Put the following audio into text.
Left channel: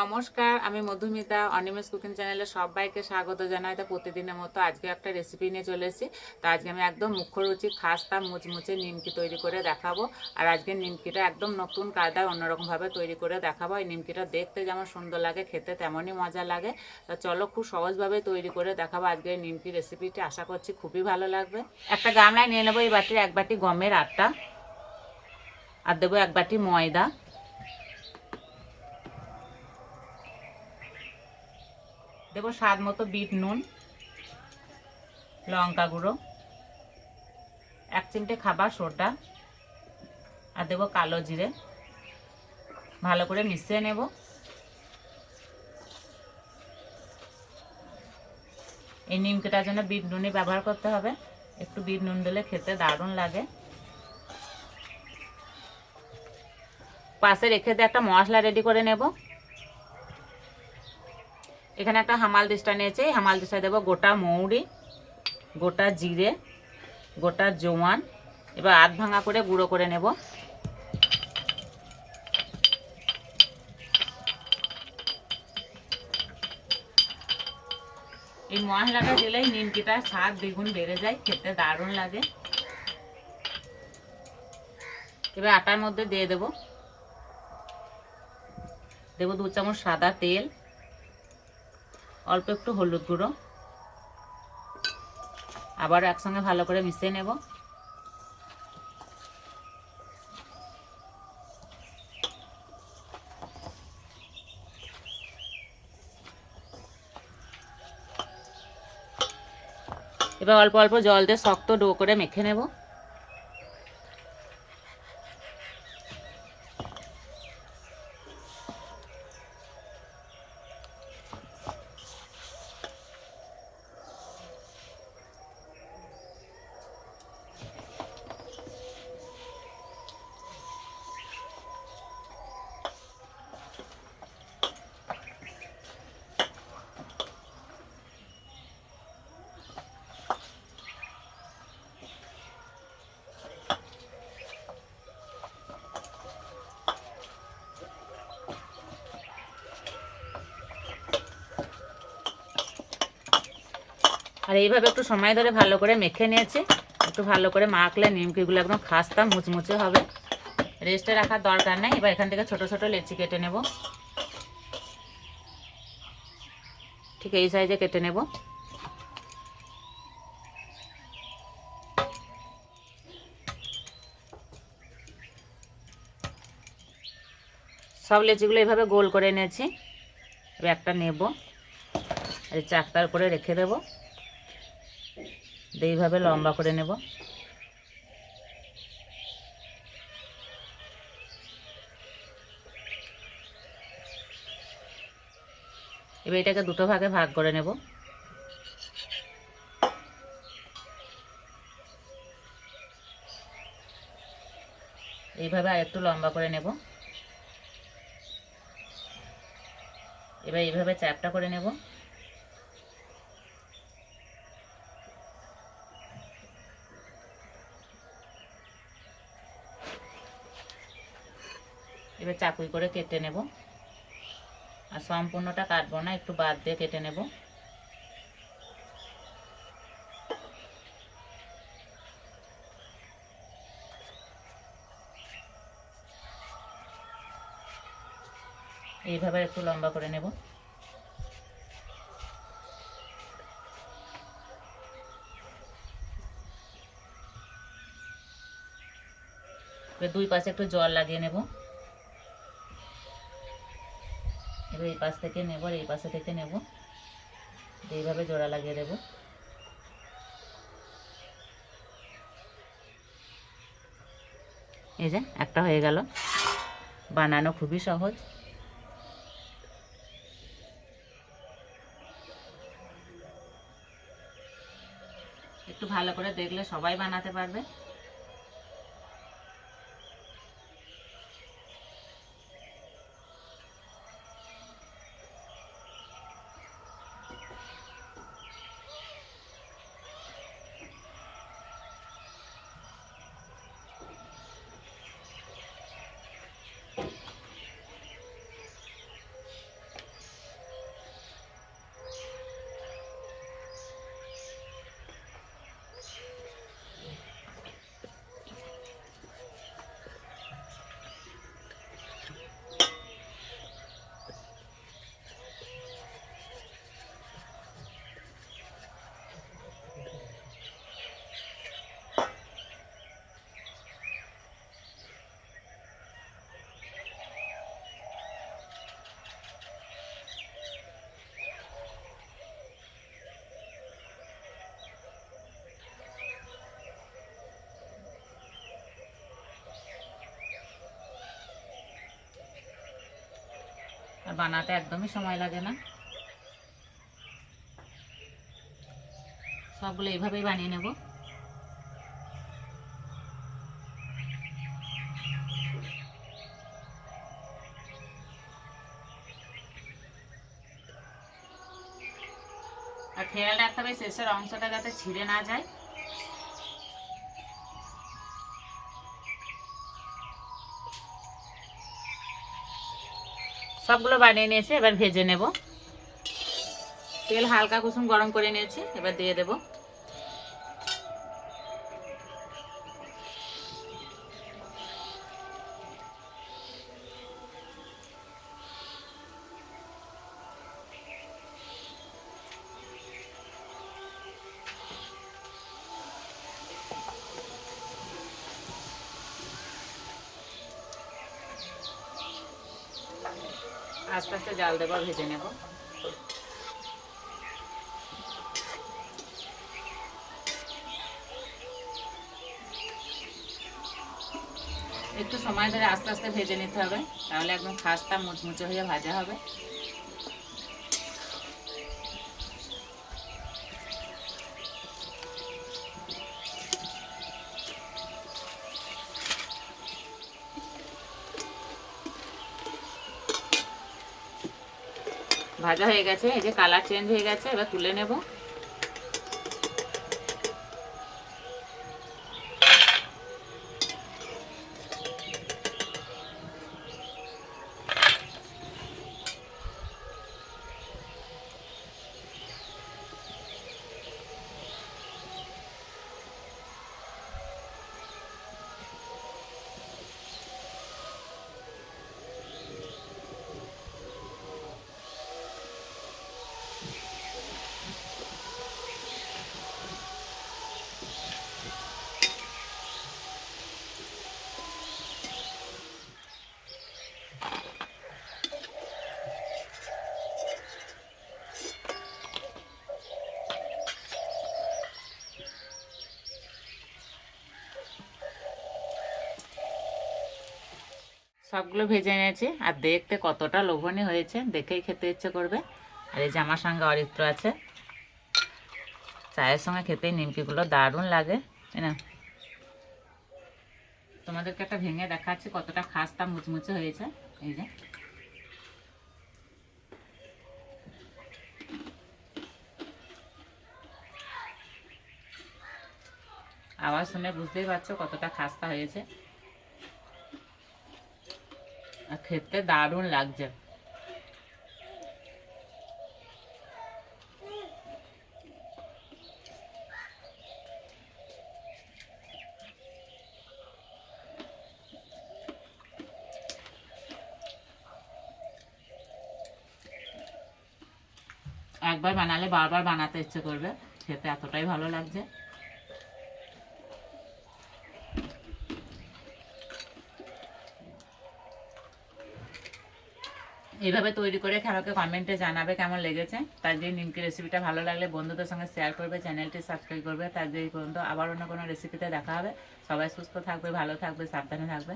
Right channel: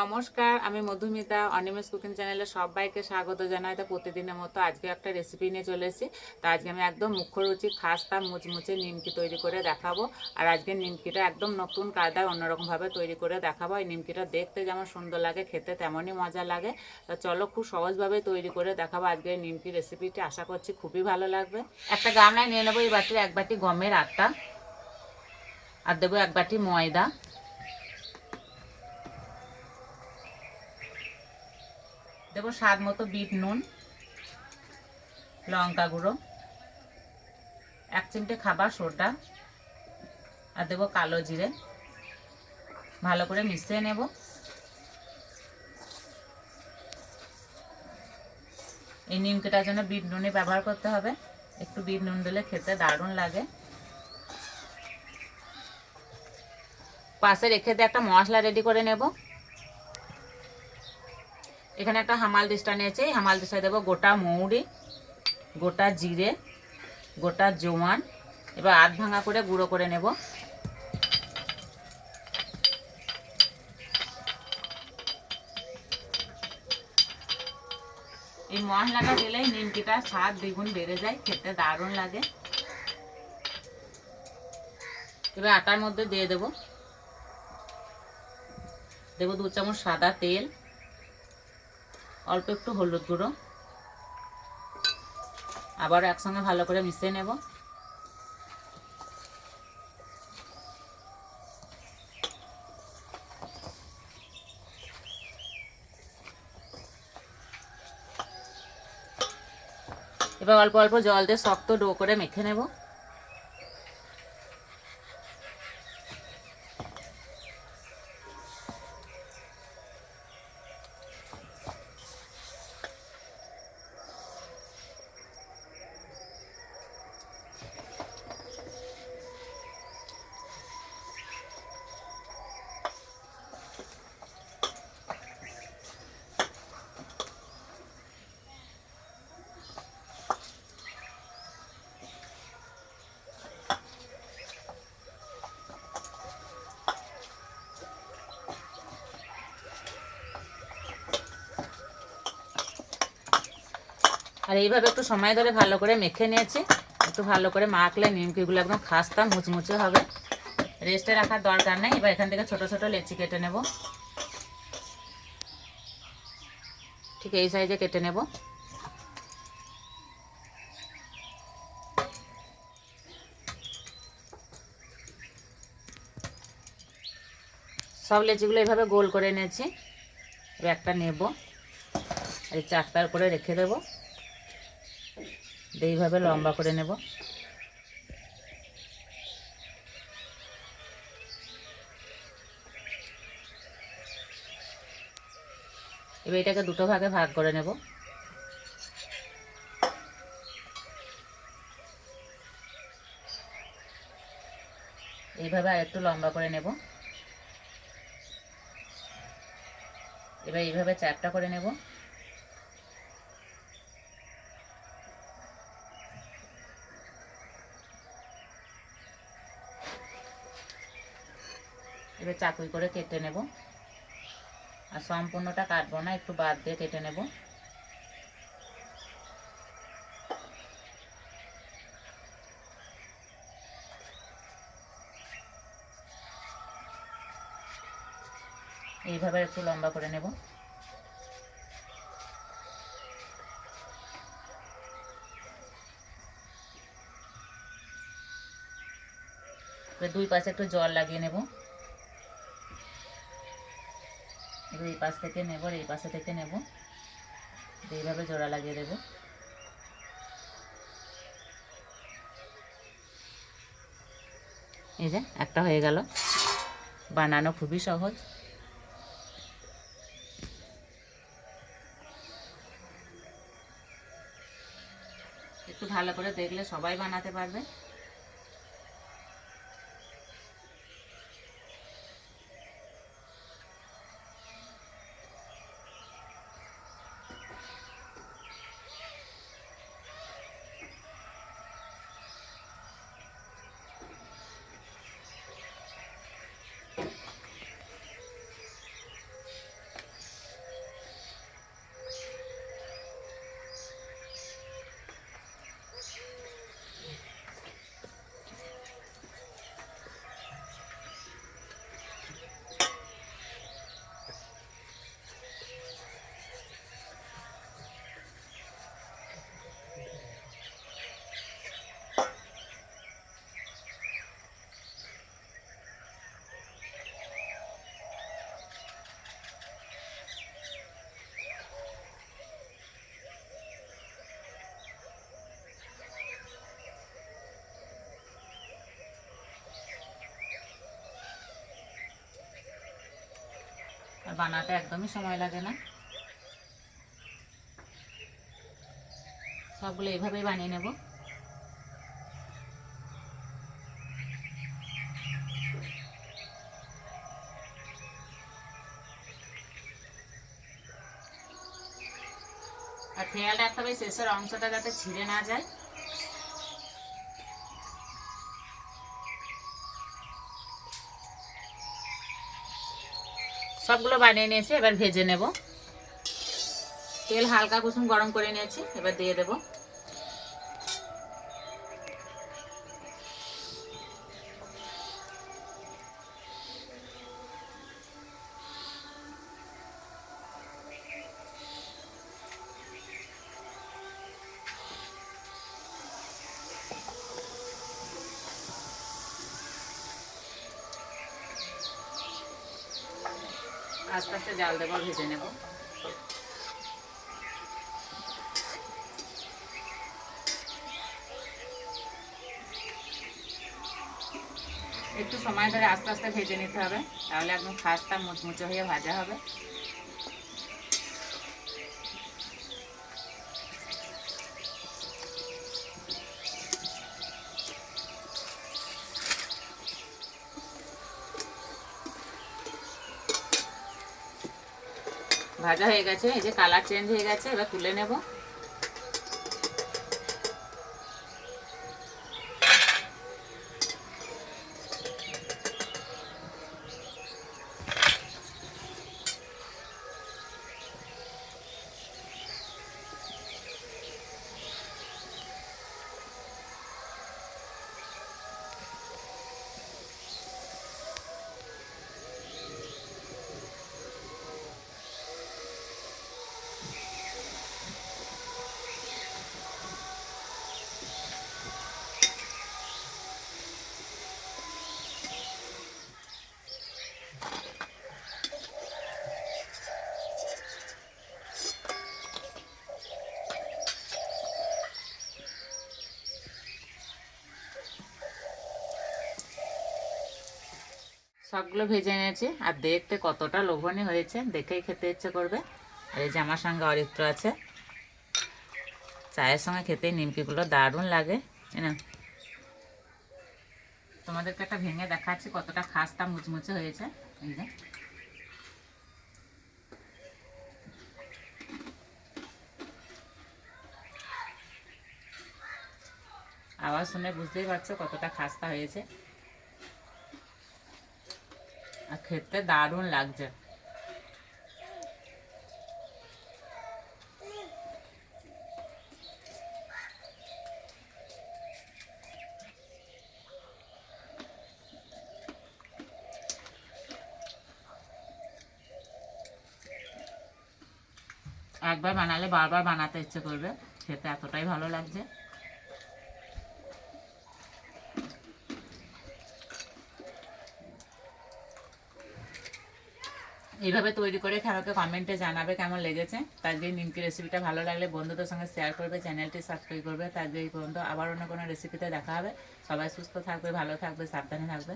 নমস্কার, আমি মধুমিতা অনিমেষ কুকিং চ্যানেলে সবাইকে স্বাগত জানাই। তো প্রতিদিনের মতো আজকে একটা রেসিপি নিয়ে চলে এসেছি। তো আজকে আমি একদম মুখরুচি খাস্তা মুচমুচে নিমকি তৈরি করে দেখাবো। আর আজকে নিমকিটা একদম নতুন কায়দায় অন্যরকমভাবে তৈরি করে দেখাবো। এই নিমকিটা দেখতে যেমন সুন্দর লাগে, খেতে তেমনই মজা লাগে। তো চলো খুব সহজভাবে তৈরি করে দেখাবো আজকে এই নিমকি রেসিপিটি। আশা করছি খুবই ভালো লাগবে। একটা গামলায় নিয়ে নেবো এই বাটির 1 বাটি গমের আটা, আর দেবো 1 বাটি ময়দা, দেবো স্বাদ মতো বিট নুন, লঙ্কা গুঁড়ো, 1 চিমটে খাবার সোডা, আর দেবো কালো জিরে। ভালো করে মিশিয়ে নেব। এই নিমকিটার জন্য বিট নুনই ব্যবহার করতে হবে। একটু বিট নুন দিলে খেতে দারুণ লাগে। পাশে রেখে দিয়ে একটা মশলা রেডি করে নেব। এখানে একটা হামাল দিস্তা নিয়েছি। হামাল দিস্তায় দেবো গোটা মৌরি, গোটা জিরে, গোটা জোয়ান। এবার আধ ভাঙা করে গুঁড়ো করে নেব। এই মশলাটা দিলেই নিমকিটার স্বাদ দ্বিগুণ বেড়ে যায়, খেতে দারুণ লাগে। এবার আটার মধ্যে দিয়ে দেব 2 চামচ সাদা তেল, অল্প একটু হলুদ গুঁড়ো, আবার একসঙ্গে ভালো করে মিশিয়ে নেব। এবার অল্প অল্প জল দিয়ে শক্ত ডো করে মেখে নেব। আর এইভাবে একটু সময় ধরে ভালো করে মেখে নিয়েছি। একটু ভালো করে মাখলে নিমকিগুলো একদম খাস্তা মুচমুচে হবে। রেস্টে রাখার দরকার নেই। এবার এখান থেকে ছোট ছোট লেচি কেটে নেব। ঠিক এই সাইজে কেটে নেব। সব লেচিগুলো এইভাবে গোল করে নিয়েছি। এবার একটা নেব, আর চারটার উপরে রেখে দেব। এইভাবে লম্বা করে নেব। এবার এটাকে দুটো ভাগে ভাগ করে নেব। এইভাবে আর একটু লম্বা করে নেব। এবার এইভাবে চ্যাপটা করে নেব। এবার চাকুই করে কেটে নেব। আর সম্পূর্ণটা কাটবো না, একটু বাদ দিয়ে কেটে নেব। এইভাবে একটু লম্বা করে নেব। এবার দুই পাশে একটু জল লাগিয়ে নেব। এবার এই পাশ থেকে নেব, আর এই পাশে থেকে নেব। এইভাবে জোড়া লাগিয়ে দেব। এই যে একটা হয়ে গেল। বানানো খুবই সহজ। একটু ভালো করে দেখলে সবাই বানাতে পারবে। বানাতে একদমই সময় লাগে না। সবগুলো এইভাবেই বানিয়ে নেব। আর খেয়াল রাখতে হবে শেষের অংশটা যাতে ছিঁড়ে না যায়। সবগুলো বানিয়ে নিয়েছি, এবার ভেজে নেব। তেল হালকা কুসুম গরম করে নিয়েছি, এবার দিয়ে দেব। আস্তে আস্তে জাল দেবো, ভেজে নেব। একটু সময় ধরে আস্তে আস্তে ভেজে নিতে হবে, তাহলে একদম খাস্তা মুচমুচে হয়ে ভাজা হবে। ভাজা হয়ে গেছে, এই যে কালার চেঞ্জ হয়ে গেছে, এবার তুলে নেব। সবগুলো ভেজে নিয়েছি, আর দেখতে কতটা লোভনীয় হয়েছে, দেখেই খেতে ইচ্ছে করবে। আর এই যে আমার সঙ্গে অরিত্র আছে, চায়ের সঙ্গে খেতে নিমকিগুলো দারুণ লাগে, তাই না? তোমাদেরকে একটা ভেঙে দেখাচ্ছি কতটা খাস্তা মুচমুচে হয়েছে। এই যে আওয়াজ শুনে বুঝতেই পারছো কতটা খাস্তা হয়েছে, আর খেতে দারুণ লাগছে। একবার বানালে বারবার বানাতে ইচ্ছে করবে, খেতে এতটাই ভালো লাগছে। এইভাবে তৈরি করে আমাকে কমেন্টে জানাবে কেমন লেগেছে। তার যে নিমকি রেসিপিটা ভালো লাগলে বন্ধুদের সঙ্গে শেয়ার করবে, চ্যানেলটি সাবস্ক্রাইব করবে। তার যে পর্যন্ত আবার অন্য কোনো রেসিপিতে দেখা হবে। সবাই সুস্থ থাকবে, ভালো থাকবে, সাবধানে থাকবে।